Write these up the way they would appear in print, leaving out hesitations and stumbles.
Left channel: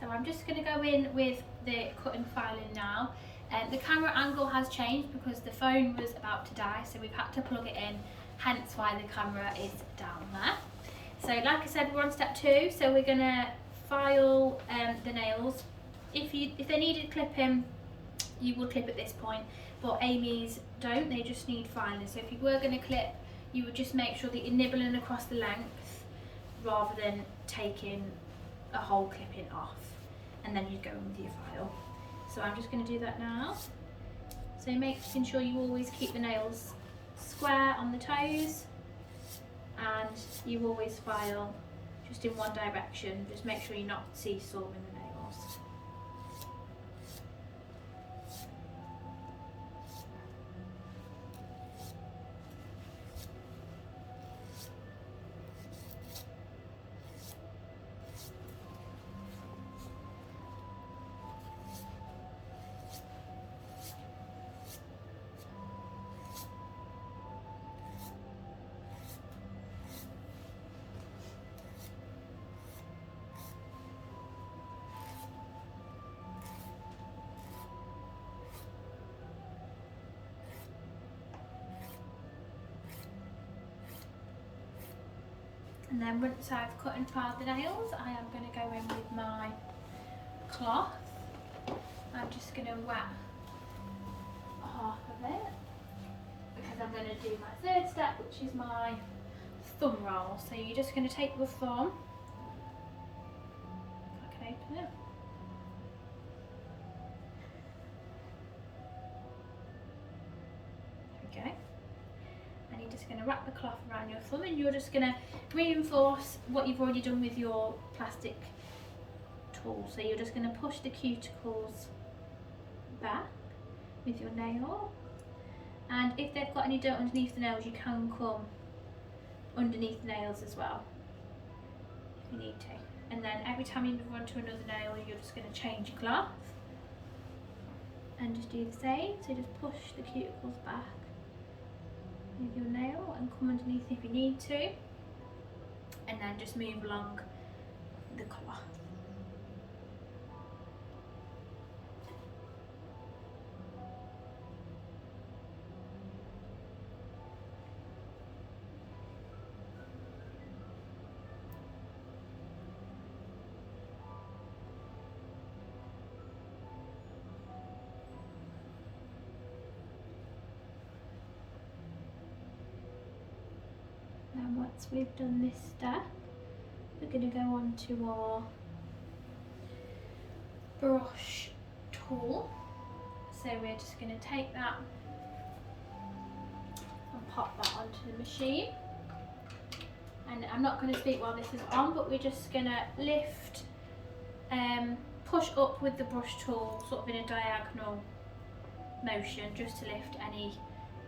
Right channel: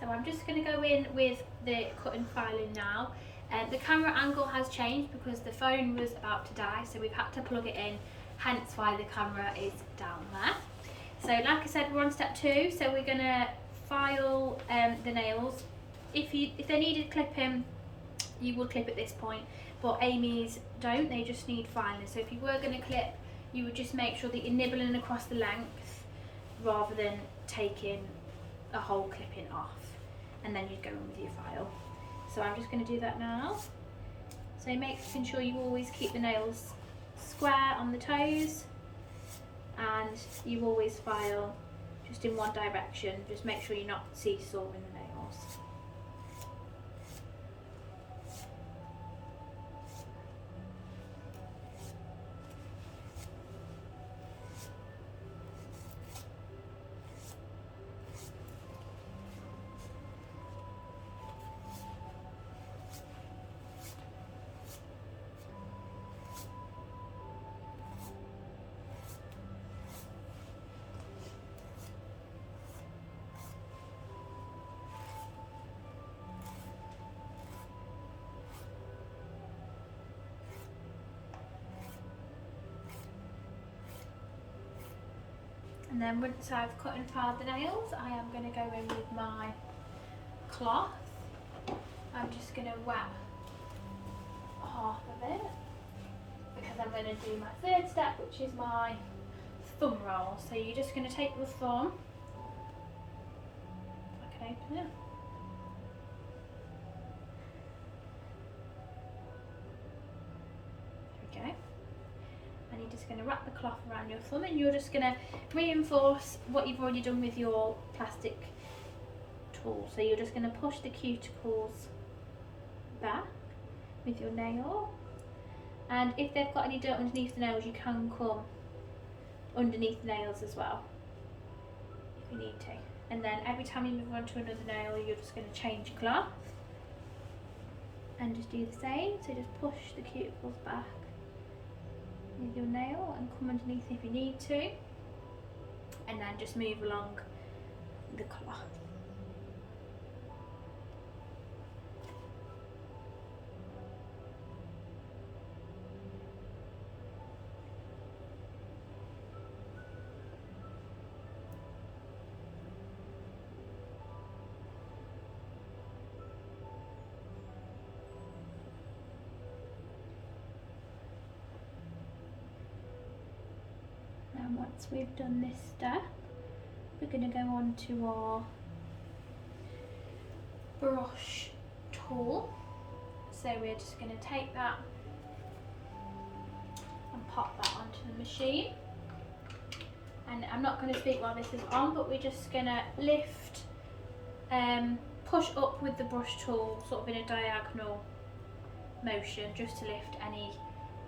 So I'm just going to go in with the cutting filing now. The camera angle has changed because the phone was about to die, so we've had to plug it in, hence why the camera is down there. So like I said, we're on step 2, so we're going to file the nails. If they needed clipping, you would clip at this point, but Amy's don't, they just need filing. So if you were going to clip, you would just make sure that you're nibbling across the length rather than taking a whole clipping off, and then you'd go in with your file. So I'm just going to do that now. So making sure you always keep the nails square on the toes, and you always file just in one direction. Just make sure you're not seesawing the nails. And then once I've cut and filed the nails, I am going to go in with my cloth. I'm just going to wet half of it because I'm going to do my third step, which is my thumb roll. So you're just going to take your thumb, if I can open it, there we go. And you're just going to wrap the cloth around your thumb, and you're just going to reinforce what you've already done with your plastic tool. So you're just going to push the cuticles back with your nail, and if they've got any dirt underneath the nails, you can come underneath the nails as well if you need to. And then every time you move on to another nail, you're just going to change your cloth and just do the same. So just push the cuticles back with your nail and come underneath if you need to, and then just move along the cloth. And once we've done this step, we're going to go on to our brush tool. So we're just going to take that and pop that onto the machine. And I'm not going to speak while this is on, but we're just going to lift, push up with the brush tool, sort of in a diagonal motion, just to lift any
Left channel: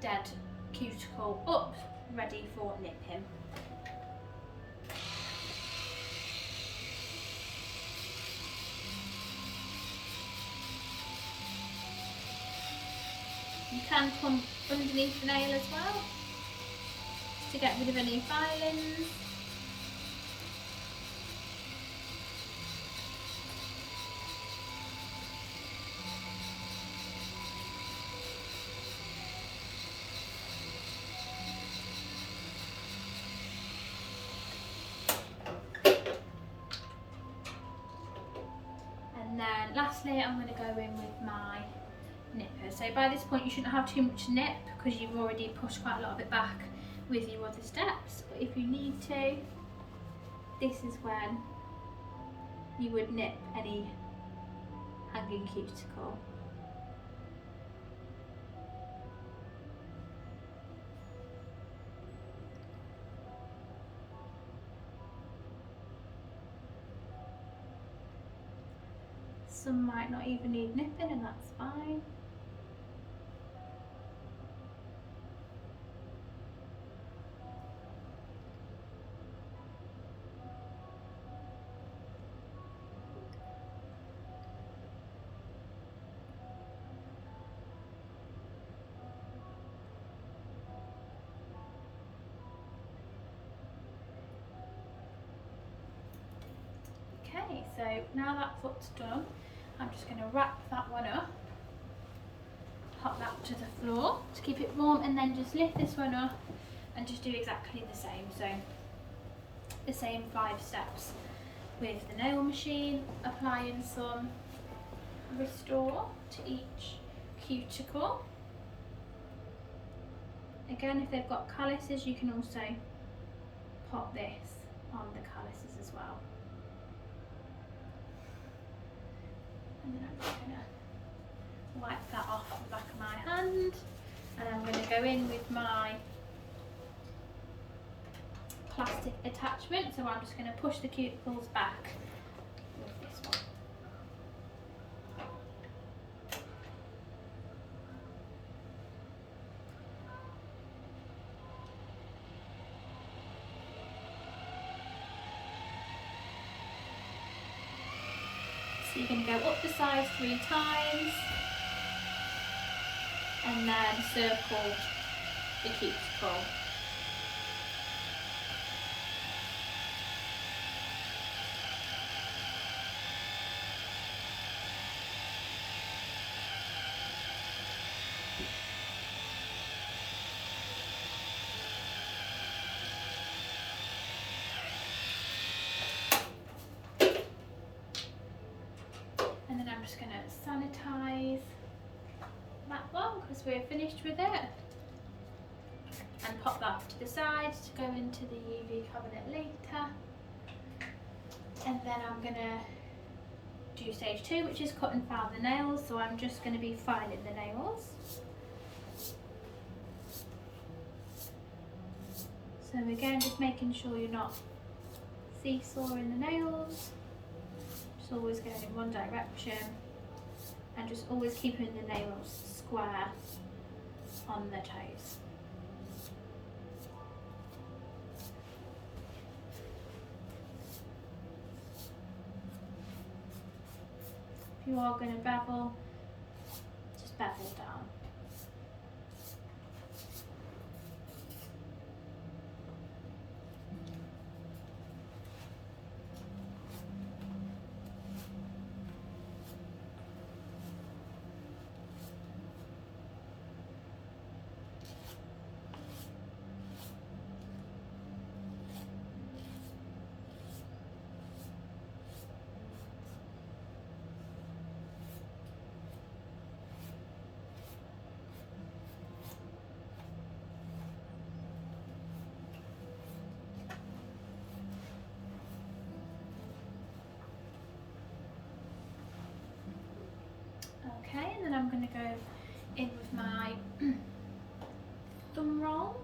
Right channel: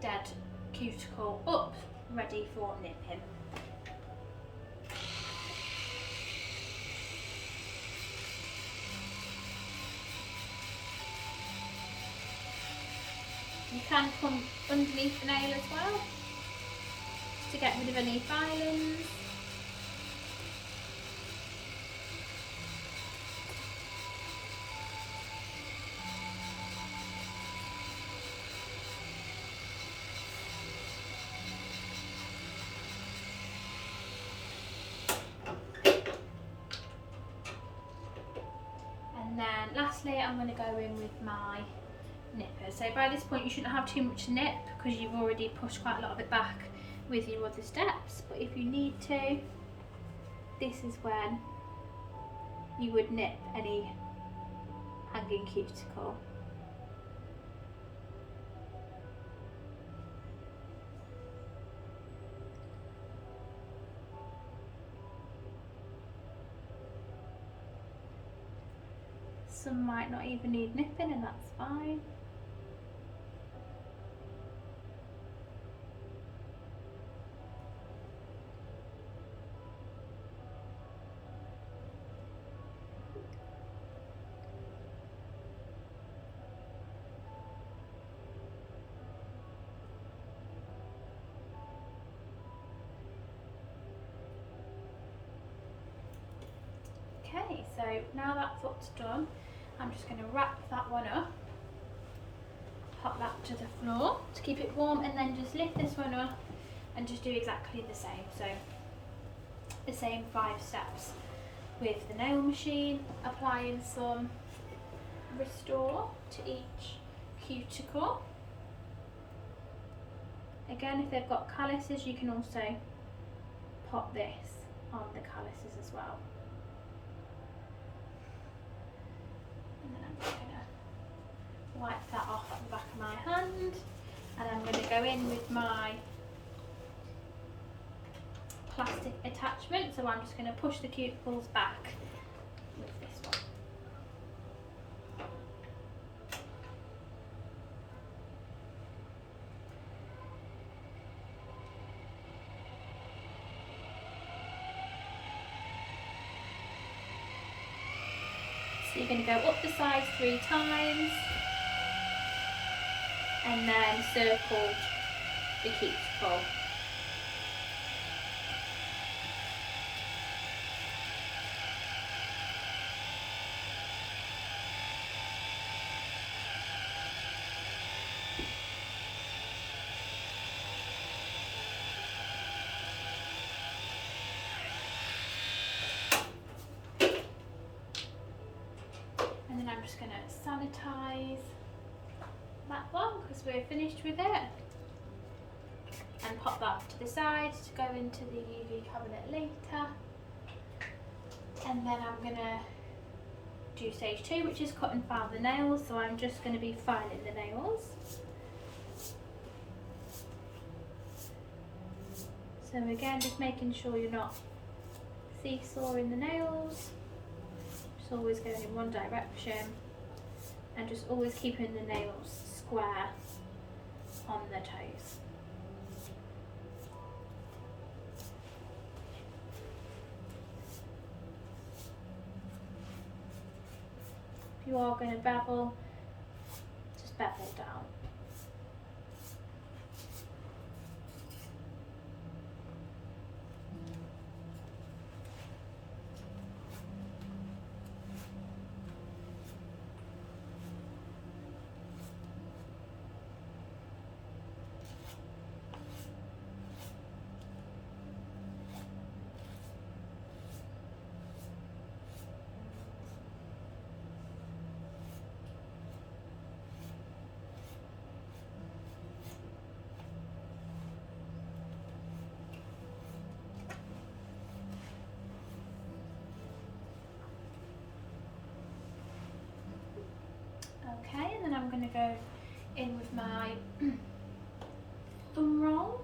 dead cuticle up, ready for nipping. You can come underneath the nail as well, just to get rid of any filings. And then lastly, I'm going to go in with my nipper. So by this point you shouldn't have too much to nip because you've already pushed quite a lot of it back with your other steps, but if you need to, this is when you would nip any hanging cuticle. Some might not even need nipping, and that's fine. Okay, Okay, so now that foot's done, I'm just going to wrap that one up, pop that to the floor to keep it warm, and then just lift this one up and just do exactly the same. So the same 5 steps with the nail machine, applying some Restore to each cuticle. Again, if they've got calluses, you can also pop this on the calluses as well. And then I'm just going to wipe that off the back of my hand, and I'm going to go in with my plastic attachment. So I'm just going to push the cuticles back with this one. So you're going to go up the sides 3 times and then circle the cuticle. And then I'm just going to sanitize that one because we're finished with it, and pop that to the side to go into the UV cabinet later. And then I'm going to do stage 2, which is cut and file the nails. So I'm just going to be filing the nails. So again, just making sure you're not seesawing the nails. Always going in one direction, and just always keeping the nails square on the toes. If you are going to bevel, just bevel down. Okay, and then I'm going to go in with my thumb roll.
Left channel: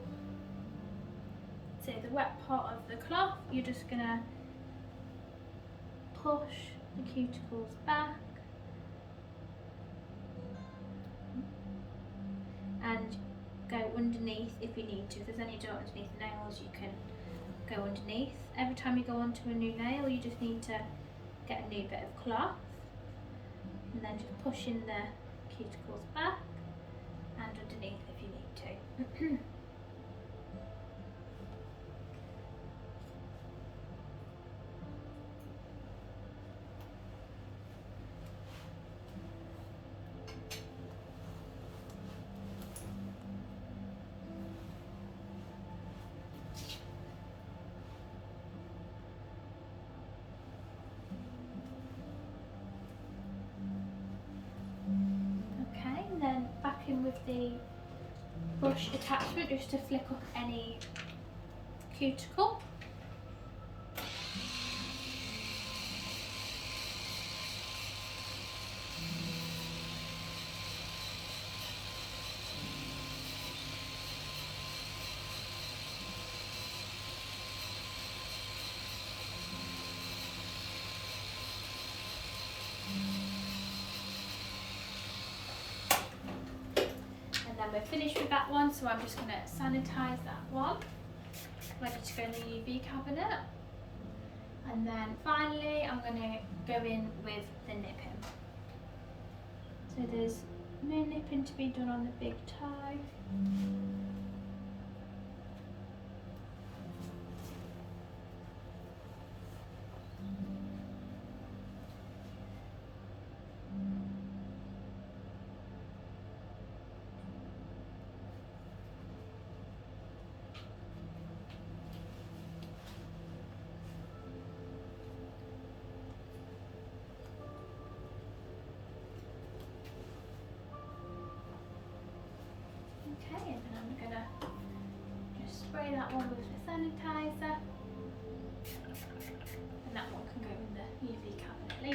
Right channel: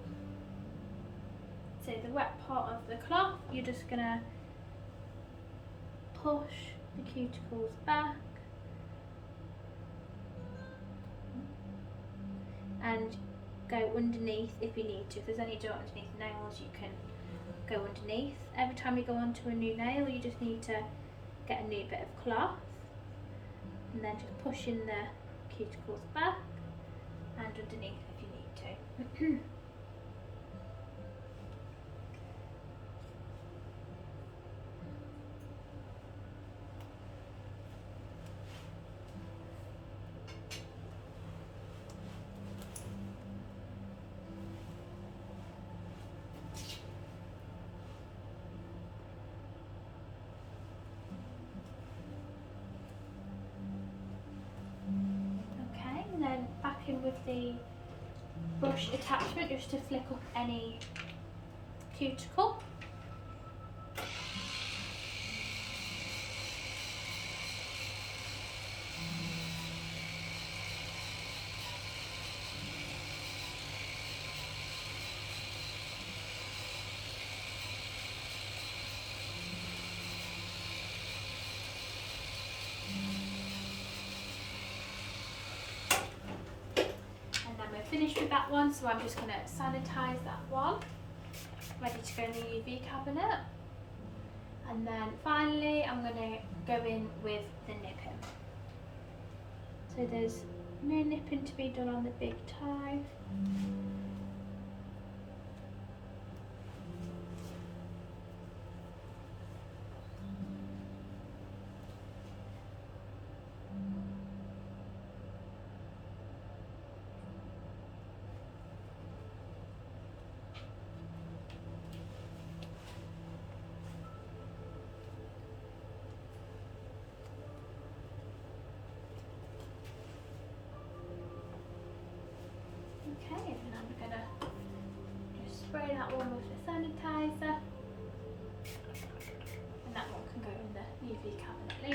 So the wet part of the cloth, you're just going to push the cuticles back and go underneath if you need to. If there's any dirt underneath the nails, you can go underneath. Every time you go onto a new nail, you just need to get a new bit of cloth, and then just pushing the cuticles back and underneath if you need to. And then back in with the brush attachment just to flick up any cuticle. We're finished with that one, so I'm just going to sanitize that one, ready to go in the UV cabinet. And then finally I'm going to go in with the nipping. So there's no nipping to be done on the big toe.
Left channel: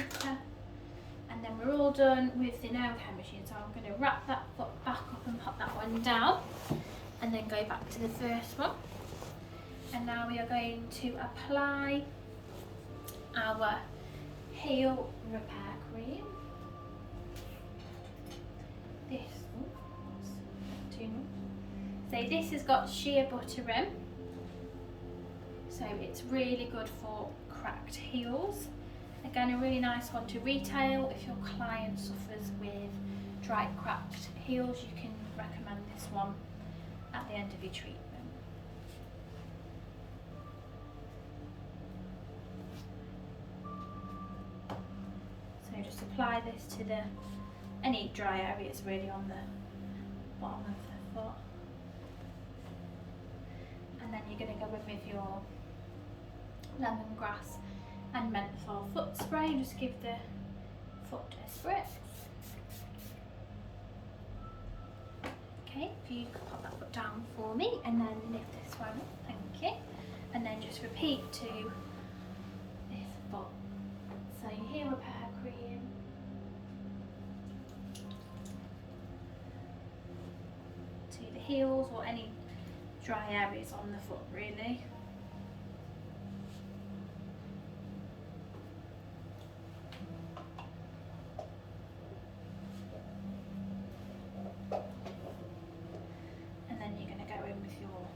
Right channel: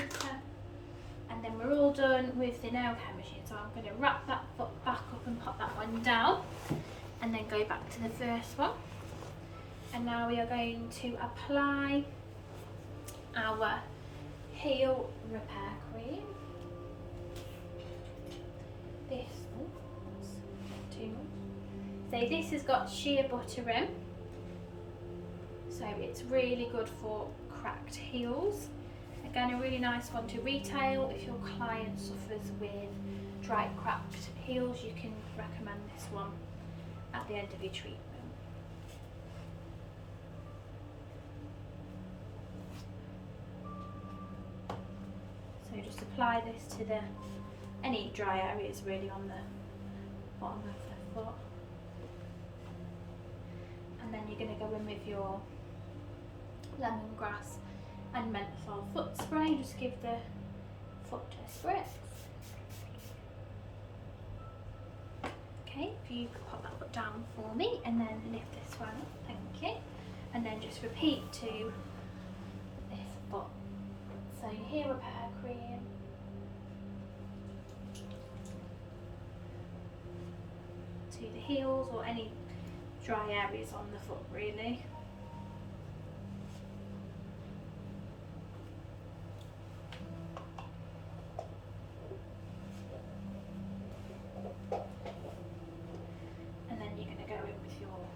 centimetre. And then we're all done with the nail care machine. So I'm going to wrap that foot back up and pop that one down. And then go back to the first one. And now we are going to apply our heel repair cream. This, too much. So this has got shea butter in. So it's really good for cracked heels. Again, a really nice one to retail. If your client suffers with dry cracked heels, you can recommend this one at the end of your treatment. So just apply this to any dry areas really on the bottom of the foot. And then you're going to go in with your lemongrass and menthol foot spray. Just give the foot a spritz. Okay, if you could pop that foot down for me and then lift this one up, thank you. And then just repeat to this foot. So your heel repair cream. To the heels or any dry areas on the foot really. And then you're going to go in with your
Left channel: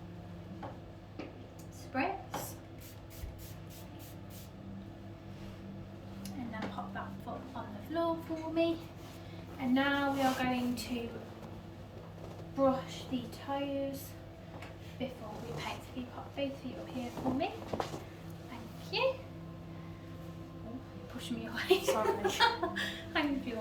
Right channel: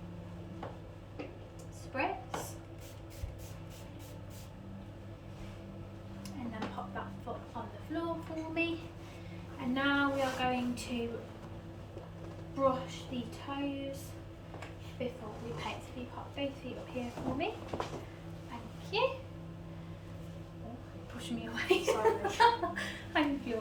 spritz. And then pop that foot on the floor for me. And now we are going to brush the toes before we paint. So you pop both feet up here for me. Thank you. Oh, pushing me away. Sorry. Thank you.